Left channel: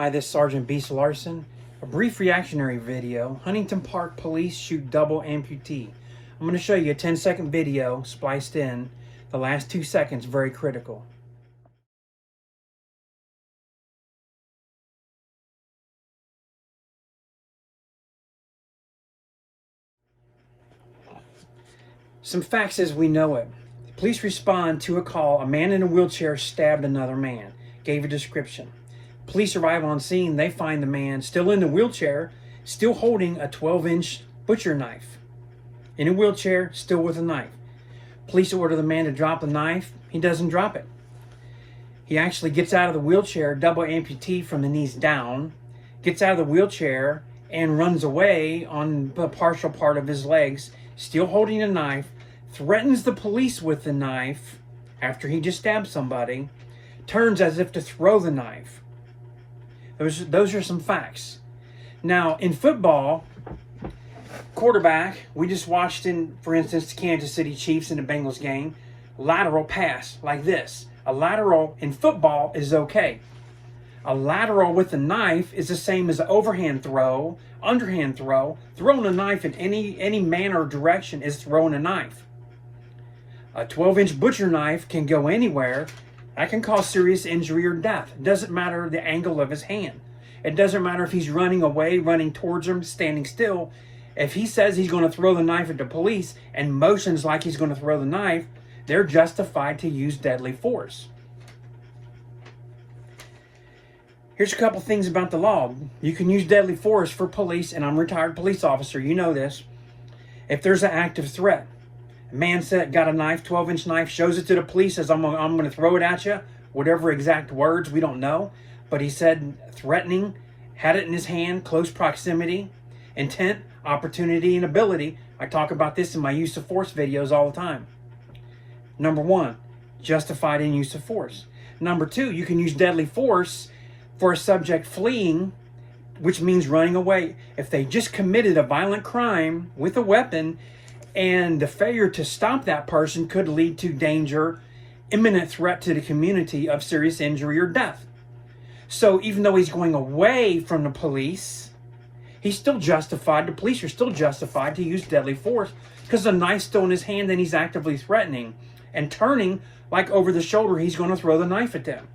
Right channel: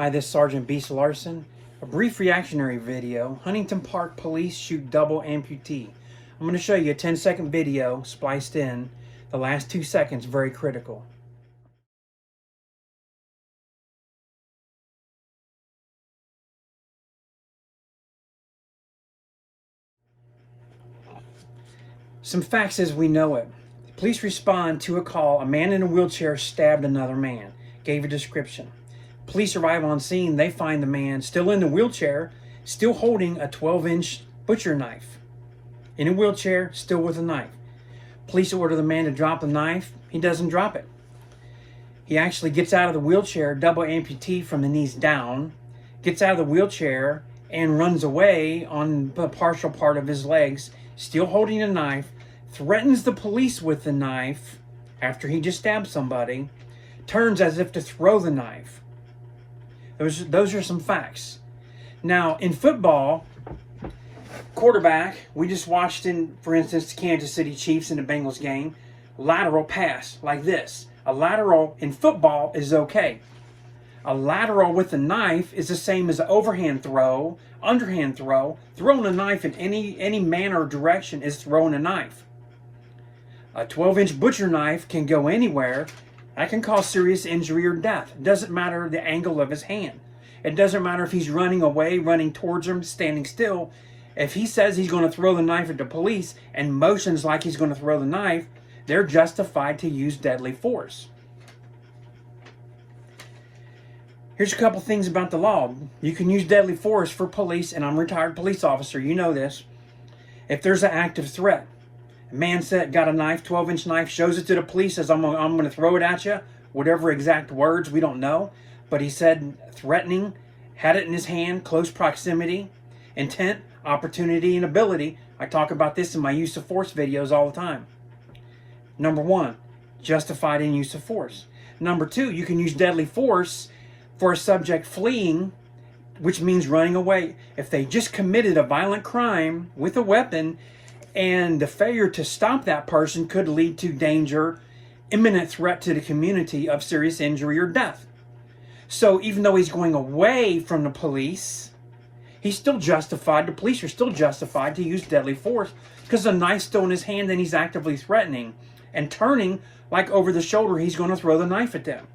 Hi, this is Sergeant Beast Larson. A brief reactionary video. Huntington Park police shoot double amputee. I'm going to show you a 10-second video spliced in. The last 2 seconds, very critical. Some facts as we know it. The police respond to a call. A man in a wheelchair stabbed another man. Gave a description. Police arrive on scene. They find the man still in the wheelchair, still holding a 12-inch butcher knife. In a wheelchair, still with a knife. Police order the man to drop the knife. He doesn't drop it. He actually gets out of the wheelchair, double amputee from the knees down, gets out of the wheelchair and runs away on the partial part of his legs, still holding a knife, threatens the police with the knife after he just stabbed somebody, turns as if to throw the knife. Those are some facts. Now, in football, quarterback, we just watched for instance, the Kansas City Chiefs in the Bengals game, lateral pass like this. A lateral in football is okay. A lateral with a knife is the same as an overhand throw, underhand throw. Throwing a knife in any manner or direction is throwing a knife. A 12-inch butcher knife can go anywhere. That can cause serious injury or death. It doesn't matter the angle of his hand. It doesn't matter if he's running away, running towards him, standing still. If he says he's going to throw the knife at the police and motions like he's going to throw the knife, they're justified to use deadly force. Here's a couple things about the law. You can use deadly force for police, and I'm a retired police officer, you know this. If there's an active threat, a man got a knife, 12-inch knife, shows it to the police, says, I'm going to throw it at you, whatever exact words, we don't know. But he said threatening, had it in his hand, close proximity, intent, opportunity, and ability. I talk about this in my use of force videos all the time. Number one, justified in use of force. Number two, you can use deadly force for a subject fleeing, which means running away. If they just committed a violent crime with a weapon and the failure to stop that person could lead to danger, imminent threat to the community of serious injury or death. So even though he's going away from the police, he's still justified, the police are still justified to use deadly force because the knife's still in his hand and he's actively threatening and turning like over the shoulder he's going to throw the knife at them.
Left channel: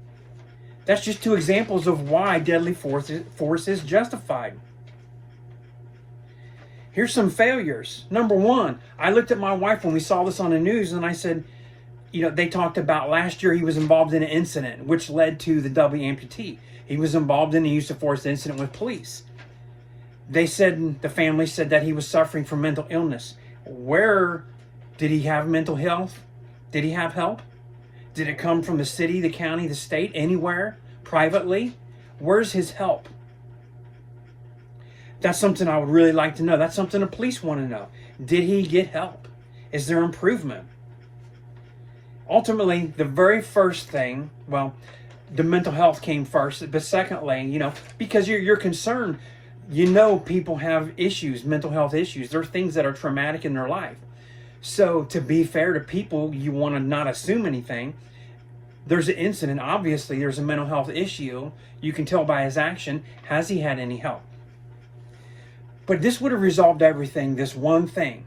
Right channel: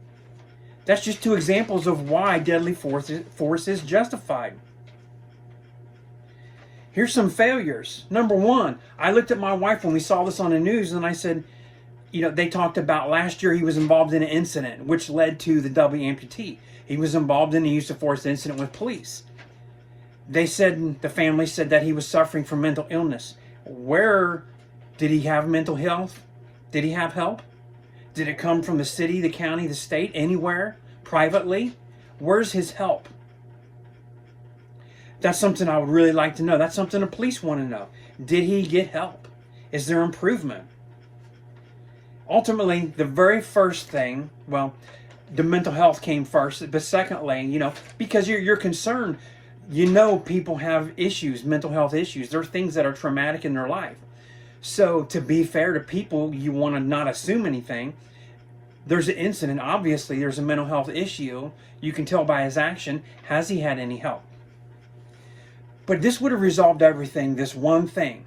That's just two examples of why deadly force is justified. Here's some failures. Number one, I looked at my wife when we saw this on the news and I said, they talked about last year he was involved in an incident which led to the double amputee. He was involved in a use of force incident with police. They said, the family said that he was suffering from mental illness. Where did he have mental health? Did he have help? Did it come from the city, the county, the state, anywhere, privately? Where's his help? That's something I would really like to know. That's something the police want to know. Did he get help? Is there improvement? Ultimately, the very first thing, well, the mental health came first, but secondly, because you're concerned, people have issues, mental health issues. There are things that are traumatic in their life. So to be fair to people, you want to not assume anything. There's an incident. Obviously, there's a mental health issue. You can tell by his action. Has he had any help? But this would have resolved everything, this one thing.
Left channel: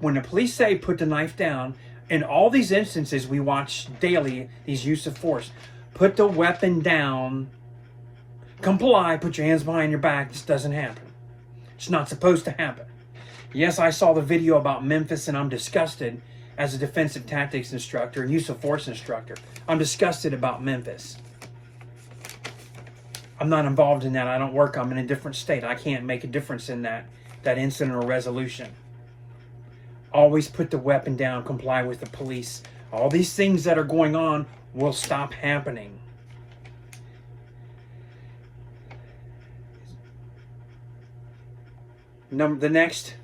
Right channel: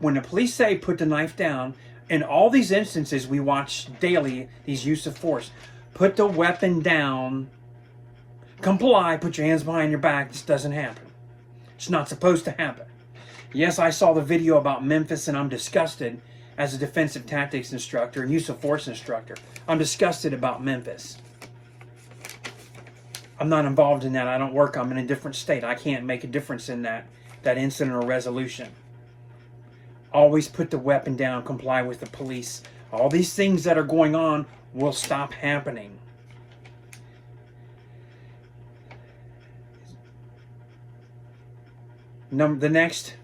When the police say put the knife down, in all these instances we watch daily, these use of force, put the weapon down, comply, put your hands behind your back. This doesn't happen. It's not supposed to happen. Yes, I saw the video about Memphis and I'm disgusted as a defensive tactics instructor and use of force instructor. I'm disgusted about Memphis. I'm not involved in that. I don't work. I'm in a different state. I can't make a difference in that incident or resolution. Always put the weapon down, comply with the police. All these things that are going on will stop happening. The next,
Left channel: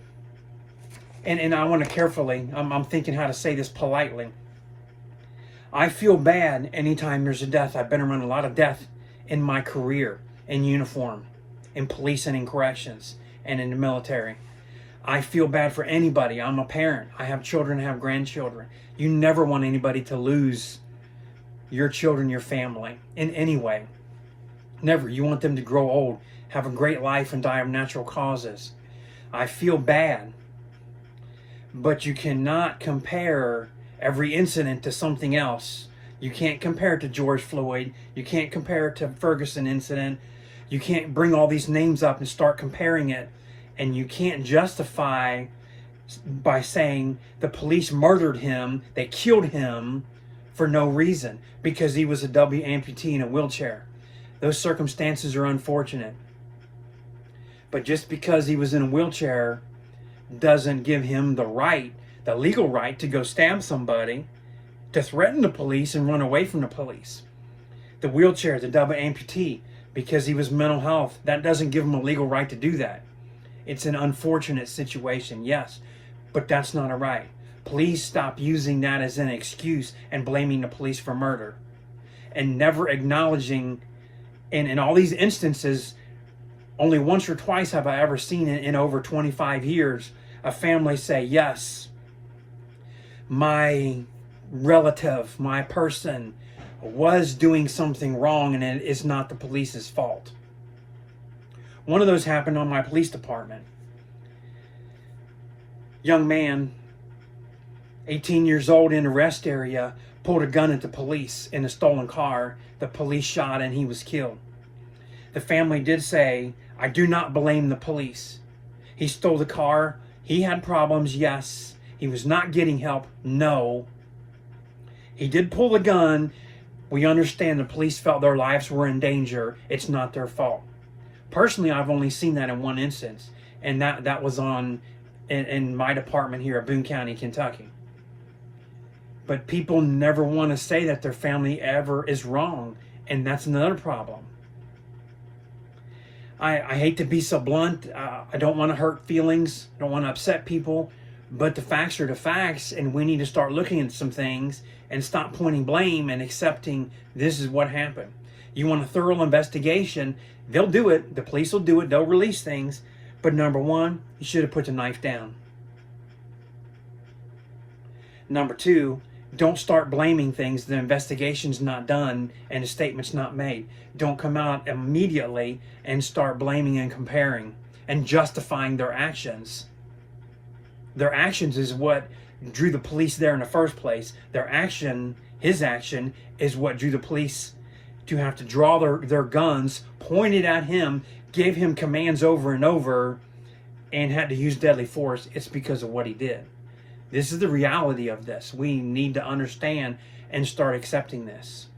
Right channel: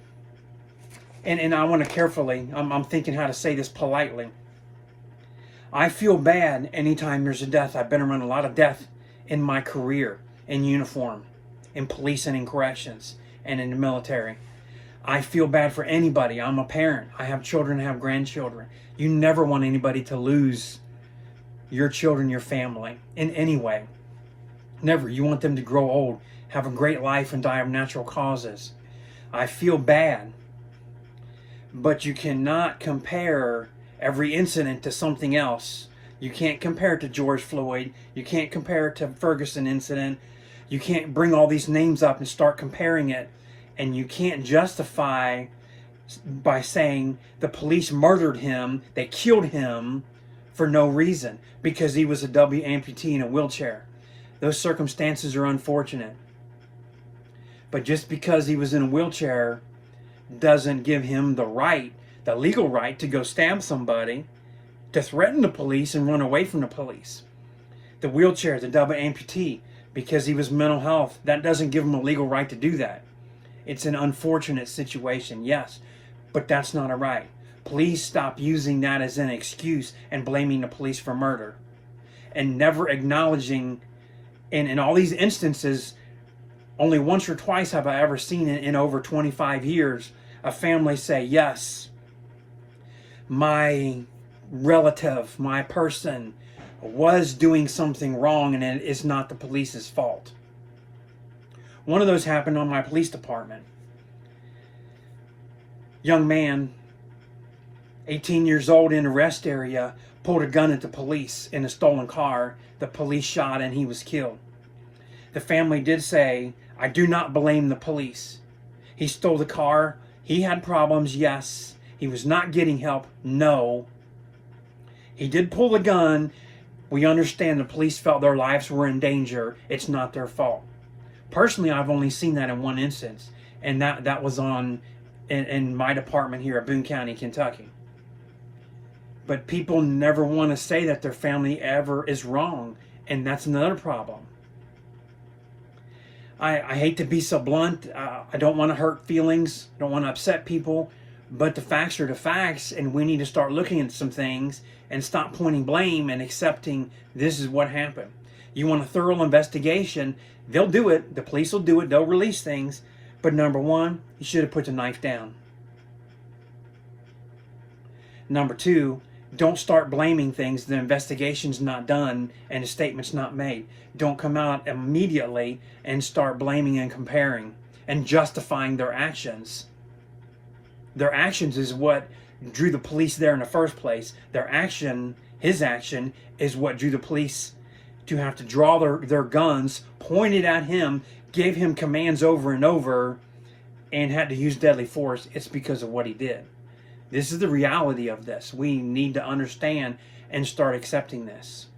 and I want to carefully, I'm thinking how to say this politely. I feel bad anytime there's a death. I've been around a lot of death in my career, in uniform, in police and in corrections, and in the military. I feel bad for anybody. I'm a parent. I have children, I have grandchildren. You never want anybody to lose your children, your family, in any way. Never. You want them to grow old, have a great life, and die of natural causes. I feel bad. But you cannot compare every incident to something else. You can't compare it to George Floyd. You can't compare it to Ferguson incident. You can't bring all these names up and start comparing it. And you can't justify by saying the police murdered him, they killed him for no reason because he was a W amputee in a wheelchair. Those circumstances are unfortunate. But just because he was in a wheelchair doesn't give him the right, the legal right, to go stab somebody, to threaten the police and run away from the police. The wheelchair, the double amputee, because he was mental health, that doesn't give him a legal right to do that. It's an unfortunate situation, yes, but that's not a right. Please stop using that as an excuse and blaming the police for murder. And never acknowledging, in all these instances, only once or twice have I ever seen it in over 25 years, a family say, yes, my relative, my person was doing something wrong and it is not the police's fault. One of those happened on my police department. Young man, 18 years old, in a rest area, pulled a gun at the police in a stolen car. The police shot and he was killed. The family did say, I do not blame the police. He stole the car. He had problems, yes. He was not getting help, no. He did pull the gun. We understand the police felt their lives were in danger. It's not their fault. Personally, I've only seen that in one instance, and that was in my department here at Boone County, Kentucky. But people never want to say that their family ever is wrong, and that's another problem. I hate to be so blunt. I don't want to hurt feelings. I don't want to upset people. But the facts are the facts, and we need to start looking at some things and stop pointing blame and accepting this is what happened. You want a thorough investigation, they'll do it. The police will do it. They'll release things. But number one, you should have put the knife down. Number two, don't start blaming things the investigation's not done and the statement's not made. Don't come out immediately and start blaming and comparing and justifying their actions. Their actions is what drew the police there in the first place. Their action, his action, is what drew the police to have to draw their guns, pointed at him, gave him commands over and over, and had to use deadly force. It's because of what he did. This is the reality of this. We need to understand and start accepting this.